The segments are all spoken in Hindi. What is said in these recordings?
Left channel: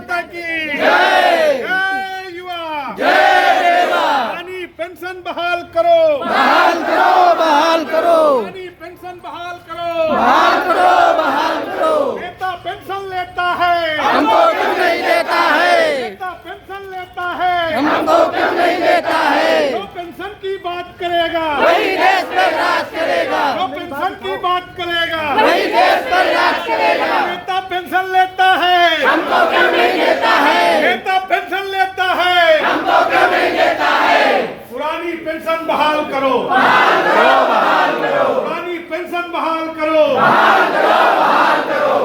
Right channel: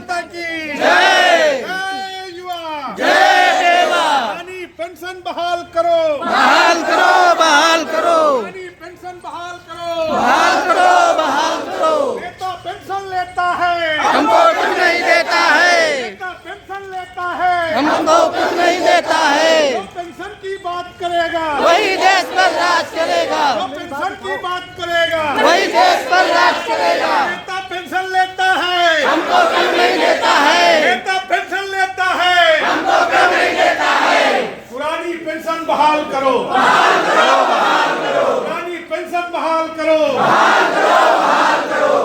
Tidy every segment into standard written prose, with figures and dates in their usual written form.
माता की जय। जय युवा जय देवा। यानी पेंशन बहाल करो, बहाल करो, बहाल करो, यानी पेंशन बहाल करो, बहाल करो, बहाल करो। नेता पेंशन लेता है, हमको क्यों नहीं देता है, नेता पेंशन लेता है, हमको क्यों नहीं देता है। जो पेंशन की बात करेगा वही देश पर राज करेगा, जो पेंशन की बात करेगा वही देश पर राज करेगा। नेता पेंशन लेता है, हमको क्यों नहीं देता है, नेता पेंशन लेता है, हमको क्यों नहीं देता है। पुरानी पेंशन बहाल करो, बहाल करो, बहाल करो, पुरानी पेंशन बहाल करो, बहाल करो, बहाल करो।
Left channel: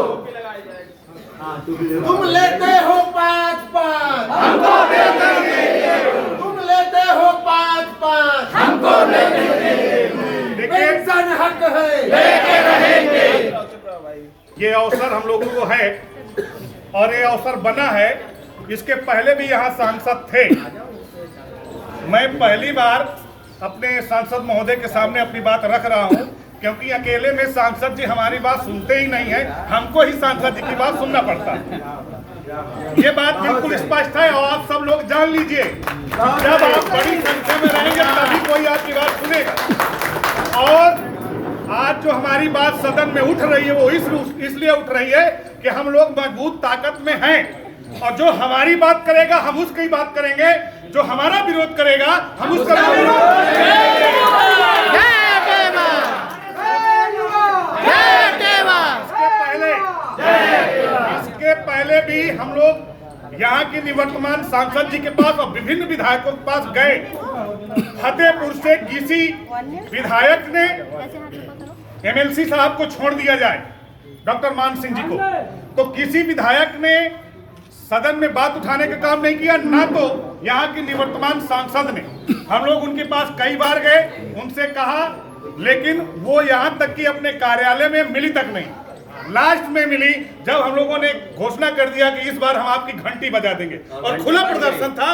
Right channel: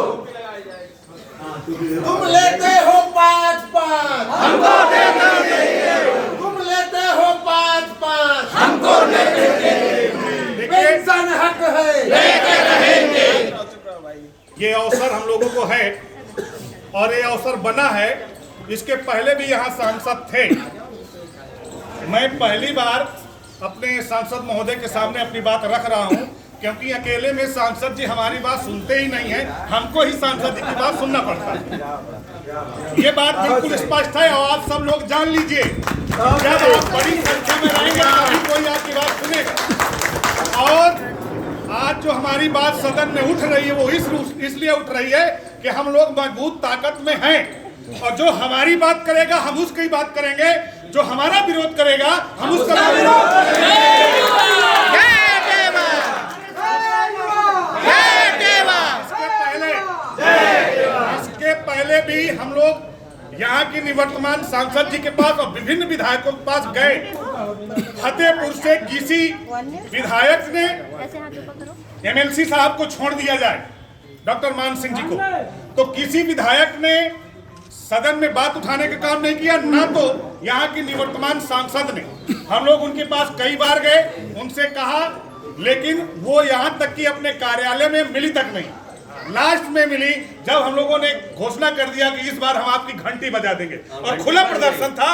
तुम लेते हो 5-5, हमको देते नहीं, तुम लेते हो 5-5, हमको नहीं देते, देखिए पेंशन हक है, लेके रहेंगे। ये अवसर हम लोगों को है और ये अवसर बना है। इसके पहले भी यहाँ सांसद थे। मैं पहली बार अपने सांसद महोदय के सामने अपनी बात रख रहा हूँ, क्योंकि अकेले में सांसद जी हमारी बात सुनते ही नहीं है, हमको ही सांसद जी की बात सुनना पड़ता है। ये बात बिल्कुल स्पष्ट है और आप सब लोग जान लीजिए कि जब आप बड़ी संख्या में रहेंगे तभी कोई आपकी बात सुनेगा। और आज जो हमारी बात सदन में उठ रही है वो इसलिए उठ रही है कि हम लोग मजबूत ताकत में हैं और जो हमारी बात करेगा हम उसकी बात करेंगे, जो हमारा विरोध करेगा हम उसका विरोध करेंगे। जय देवा, जय देवा। इसके पहले भी हम लोग यहाँ की निवर्तमान सांसद जी के पास और विभिन्न विधायकों के पास गए। फतेहपुर से किसी विधायक ने एमएलसी साहब को छोड़ दिया जाए, डॉक्टर मान सिंह जी को, तो किसी विधायक ने सदन में बात उठाने का काम नहीं किया, ना तो यहाँ की निवर्तमान सांसद ने। हम लोग उनके पास कई बार गए, उनसे कहा, लेकिन वो यहाँ तक कि अपने कार्यालय में मिली तक नहीं। लास्ट में मिली जब हम लोगों ने घोषणा कर दिया कि इस बार हम आपकी घंटी बजा देंगे और खुला प्रदर्शन था।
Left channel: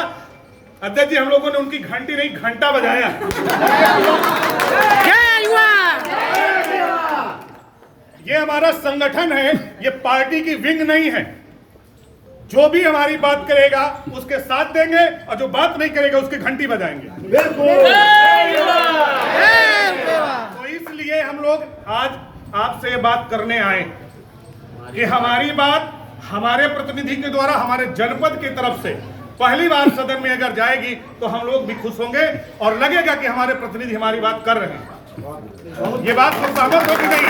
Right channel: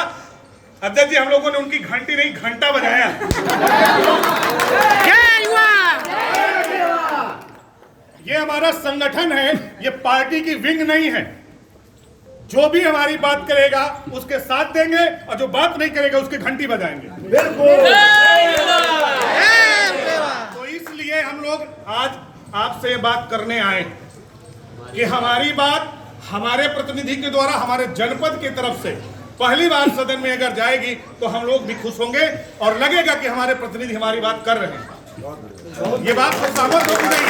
अध्यक्ष जी, हम लोगों ने उनकी घंटी नहीं घंटा बजाया। जय युवा। ये हमारा संगठन है, ये पार्टी की विंग नहीं है। जो भी हमारी बात करेगा उसके साथ देंगे और जो बात नहीं करेगा उसकी घंटी बजाएंगे। तो इसलिए हम लोग आज आपसे ये बात करने आए कि हमारी बात हमारे प्रतिनिधि के द्वारा हमारे जनपद की तरफ से पहली बार सदन में अगर जाएगी तो हम लोग भी खुश होंगे और लगेगा कि हमारे प्रतिनिधि हमारी बात कर रहे हैं। ये बात तो सहमत होगी नहीं?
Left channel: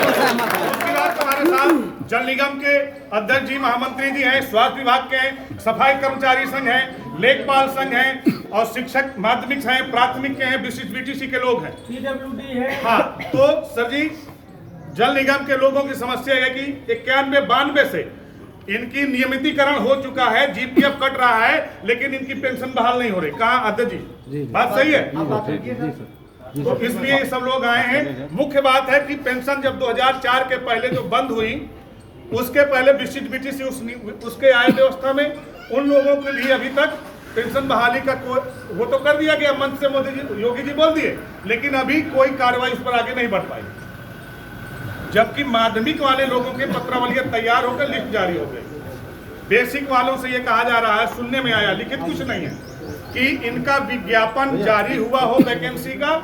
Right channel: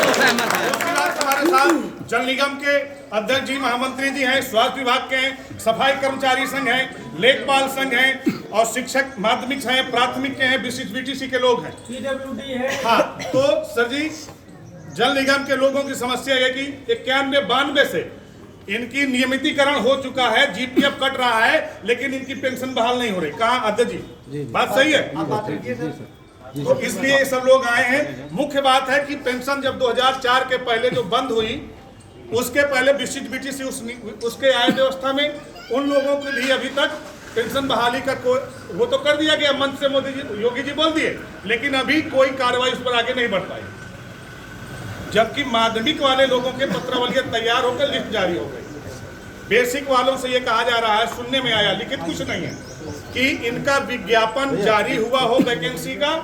उसके बाद हमारे साथ जल निगम के अध्यक्ष जी, महामंत्री जी हैं, स्वास्थ्य विभाग के हैं, सफाई कर्मचारी संघ हैं, लेखपाल संघ हैं और शिक्षक माध्यमिक हैं, प्राथमिक के हैं, विशिष्ट बीटीसी के लोग हैं, PWD है। हाँ, तो सर जी, जल निगम के लोगों की समस्या है कि 91-92 से इनकी नियमितीकरण हो चुका है, जीपीएफ कट रहा है, लेकिन इनकी पेंशन बहाल नहीं हो रही। कहाँ अध्यक्ष जी, बात सही है? तो इसलिए ये सब लोग आए हैं। मुख्य बात है कि पेंशन जब 2004 के पहले जो बंद हुई, उसके पहले विशिष्ट बीटीसी उसके आय व्यवस्था में उन लोगों के लिए अभी तक पेंशन बहाली का कोई वो तो कर दिया गया, मंच से मोदी जी, योगी जी बोल दिए, लेकिन अभी कोई कार्रवाई उस पर आगे नहीं बढ़ पाई। जबकि माध्यमिक वाले लोगों के पत्रावलियां तैयार होकर लिस्ट जारी हो गई। बेसिक वालों से ये कहा जा रहा है, सुनने में आया, लिखित कुछ नहीं है, कि इनका विज्ञापन जारी हुआ हो वैकेंसी का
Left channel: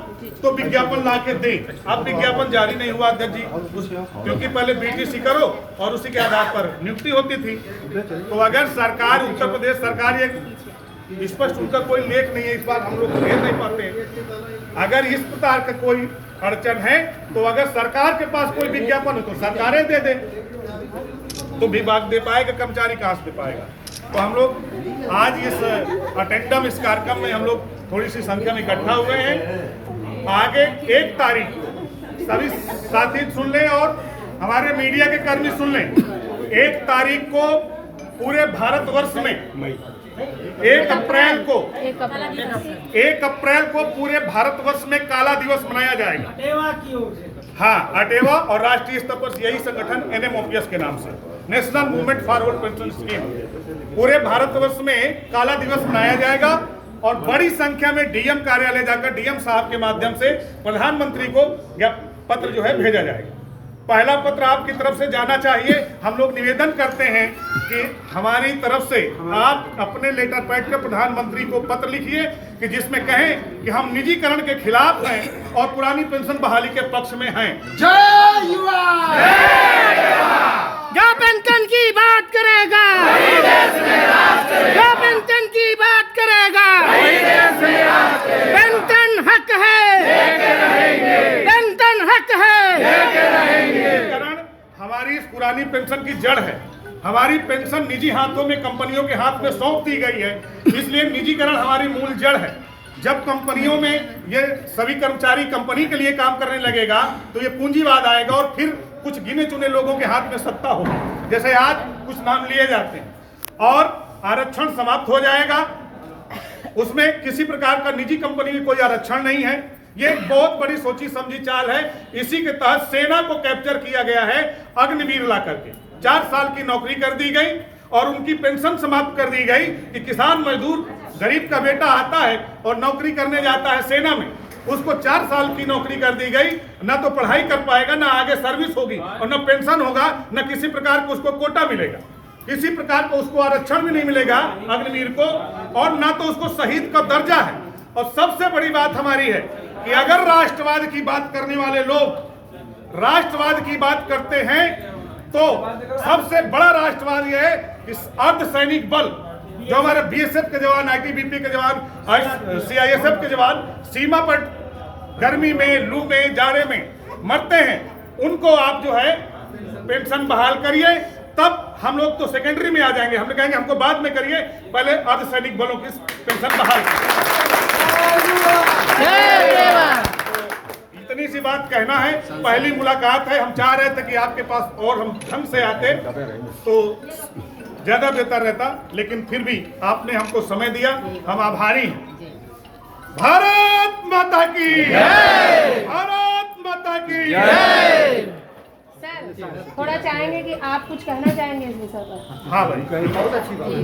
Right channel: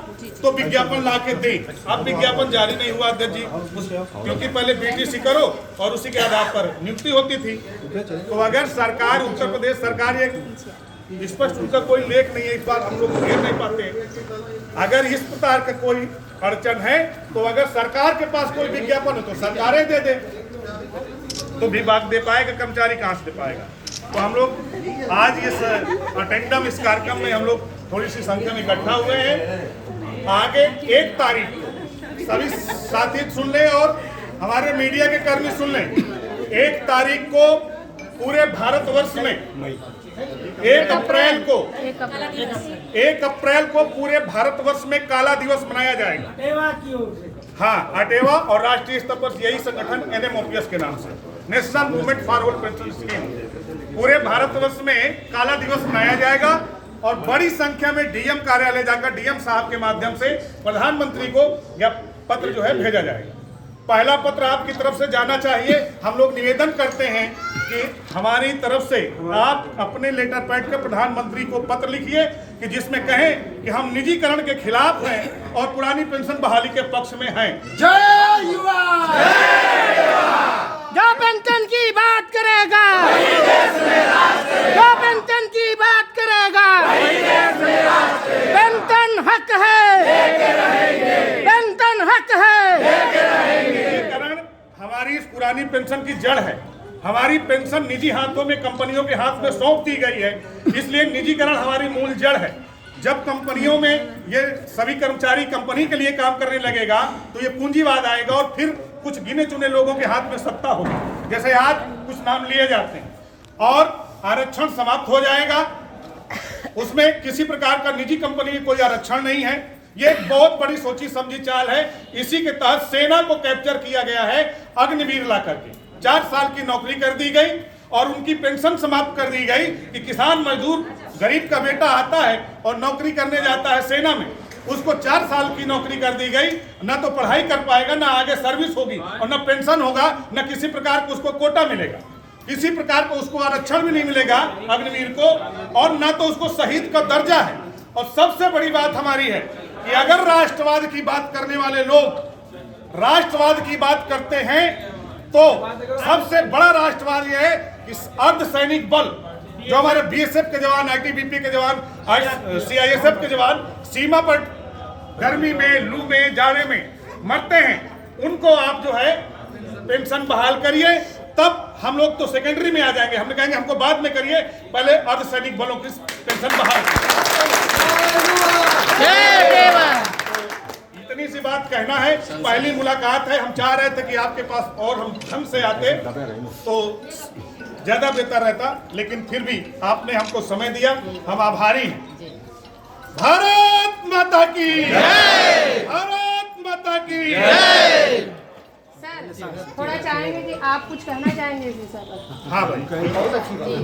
तो विज्ञापन ला के दें। अब विज्ञापन जारी नहीं हुआ अध्यक्ष जी, क्योंकि पहले बीटीसी करो और उसी के आधार पर नियुक्ति होती थी। तो अगर सरकार, उत्तर प्रदेश सरकार, ये स्पष्ट उनका कोई लेख नहीं है, इस बार हम लोग घेर नहीं पाते। अगर इस प्रकार का कोई अड़चन है तो अगर सरकार के पास कोई विज्ञापन हो तो सरकारें दे दे, तो विभाग दे पाएगा, कर्मचारी कहाँ से दे पाएगा। तो हम लोग आज इस अटेंडम, इस कार्यक्रम में हम लोग थोड़ी सी संख्या में इकट्ठा हुए हैं। आगे 1 तारीख सभी साथी सुन लें और हमारे मीडिया के कर्मी सुन लें, 1 तारीख को पूरे भारतवर्ष में 1 अप्रैल को पूरे भारतवर्ष में काला दिवस मनाया जाएगा। हाँ, अटेवा और राष्ट्रीय स्तर पर यही संगठन NMOPS के नाम से, national movement forward pension scheme, पूरे भारतवर्ष में काला दिवस मनाया जाएगा और बड़ी संख्या में डीएम कार्यालय जाकर डीएम साहब के माध्यम से प्रधानमंत्री को यह पत्र जो है भेजा जाएगा। पहला पत्र आपकी तरफ से जाना चाहिए। हम लोग निवेदन करते हैं कि हमारी तरफ से आप अपने लेटर पैड के प्रधानमंत्री को पत्र लिखिए कि जिसमें कहें कि हम निजीकरण के खिलाफ हैं और पुरानी पेंशन बहाली के पक्ष में हैं। जय युवा। जो पेंशन की बात करेगा, जो पेंशन की बात करेगा, पेंशन हक है, पेंशन हक है। कारण हमारी इस पुरानी पेंशन की जड़ है। हमारी पेंशन निजी हाथों में, कंपनियों के हाथ में सौंप दी गई है, इसलिए निजीकरण हमारी मूल जड़ है। जब कंपनियों में ये सभी कर्मचारी कंपनी के लिए काम करने लगेगा तो ये पूंजीवाद आएगा और फिर कुछ गिने चुने लोगों के हाथ में सत्ता होगी। जैसे आज कुछ नाम लिए जाते हैं और आरक्षण समाप्त हो जाएगा, उसमें किसी प्रकार का निजी कंपनी में कोई आरक्षण नहीं है। ये एक बहुत बड़ी सोची समझी चाल है। इसी के तहत सेना को कैप्चर किया गया है अग्निवीर ला करके। 4 साल की नौकरी कर दी गई और उनकी पेंशन समाप्त कर दी गई कि किसान मजदूर गरीब का बेटा आता है और नौकरी करने जाता है सेना में, उसको 4 साल की नौकरी कर दी गई। न तो पढ़ाई कर पाएगा, न आगे सर्विस होगी और न पेंशन होगा, न किसी प्रकार का उसको कोटा मिलेगा, किसी प्रकार का उसको आरक्षण भी नहीं मिलेगा अग्निवीर को, और न तो उसको शहीद का दर्जा है। और सबसे बड़ी बात हमारी है कि अगर राष्ट्रवाद की बात करने वाले लोग राष्ट्रवाद की बात करते हैं तो सबसे बड़ा राष्ट्रवाद यह है कि अर्धसैनिक बल जो हमारे बीएसएफ के जवान, आईटीबीपी के जवान, सीआईएसएफ के जवान सीमा पर गर्मी में, लू में, जाड़े में मरते हैं, उनको आप जो है पेंशन बहाल करिए। तब हम लोग तो सेकेंडरी में आ जाएंगे, हम कहेंगे हमको बाद में करिए, पहले अर्धसैनिक बलों की पेंशन बहाल करिए। जय देवा। इतनी सी बात कहना है। पहली मुलाकात है, हम चाह रहे थे कि आपके पास और हम ढंग से आते तो ज्यादा बेहतर रहता, लेकिन फिर भी आपने हमको समय दिया, हम आभारी हैं। भारत माता की जय, भारत माता की जय। सर थोड़ा चाहेंगे कि आप कुछ कहना चाहेंगे इस विषय पर? हाँ भाई, बहुत अच्छी बात है।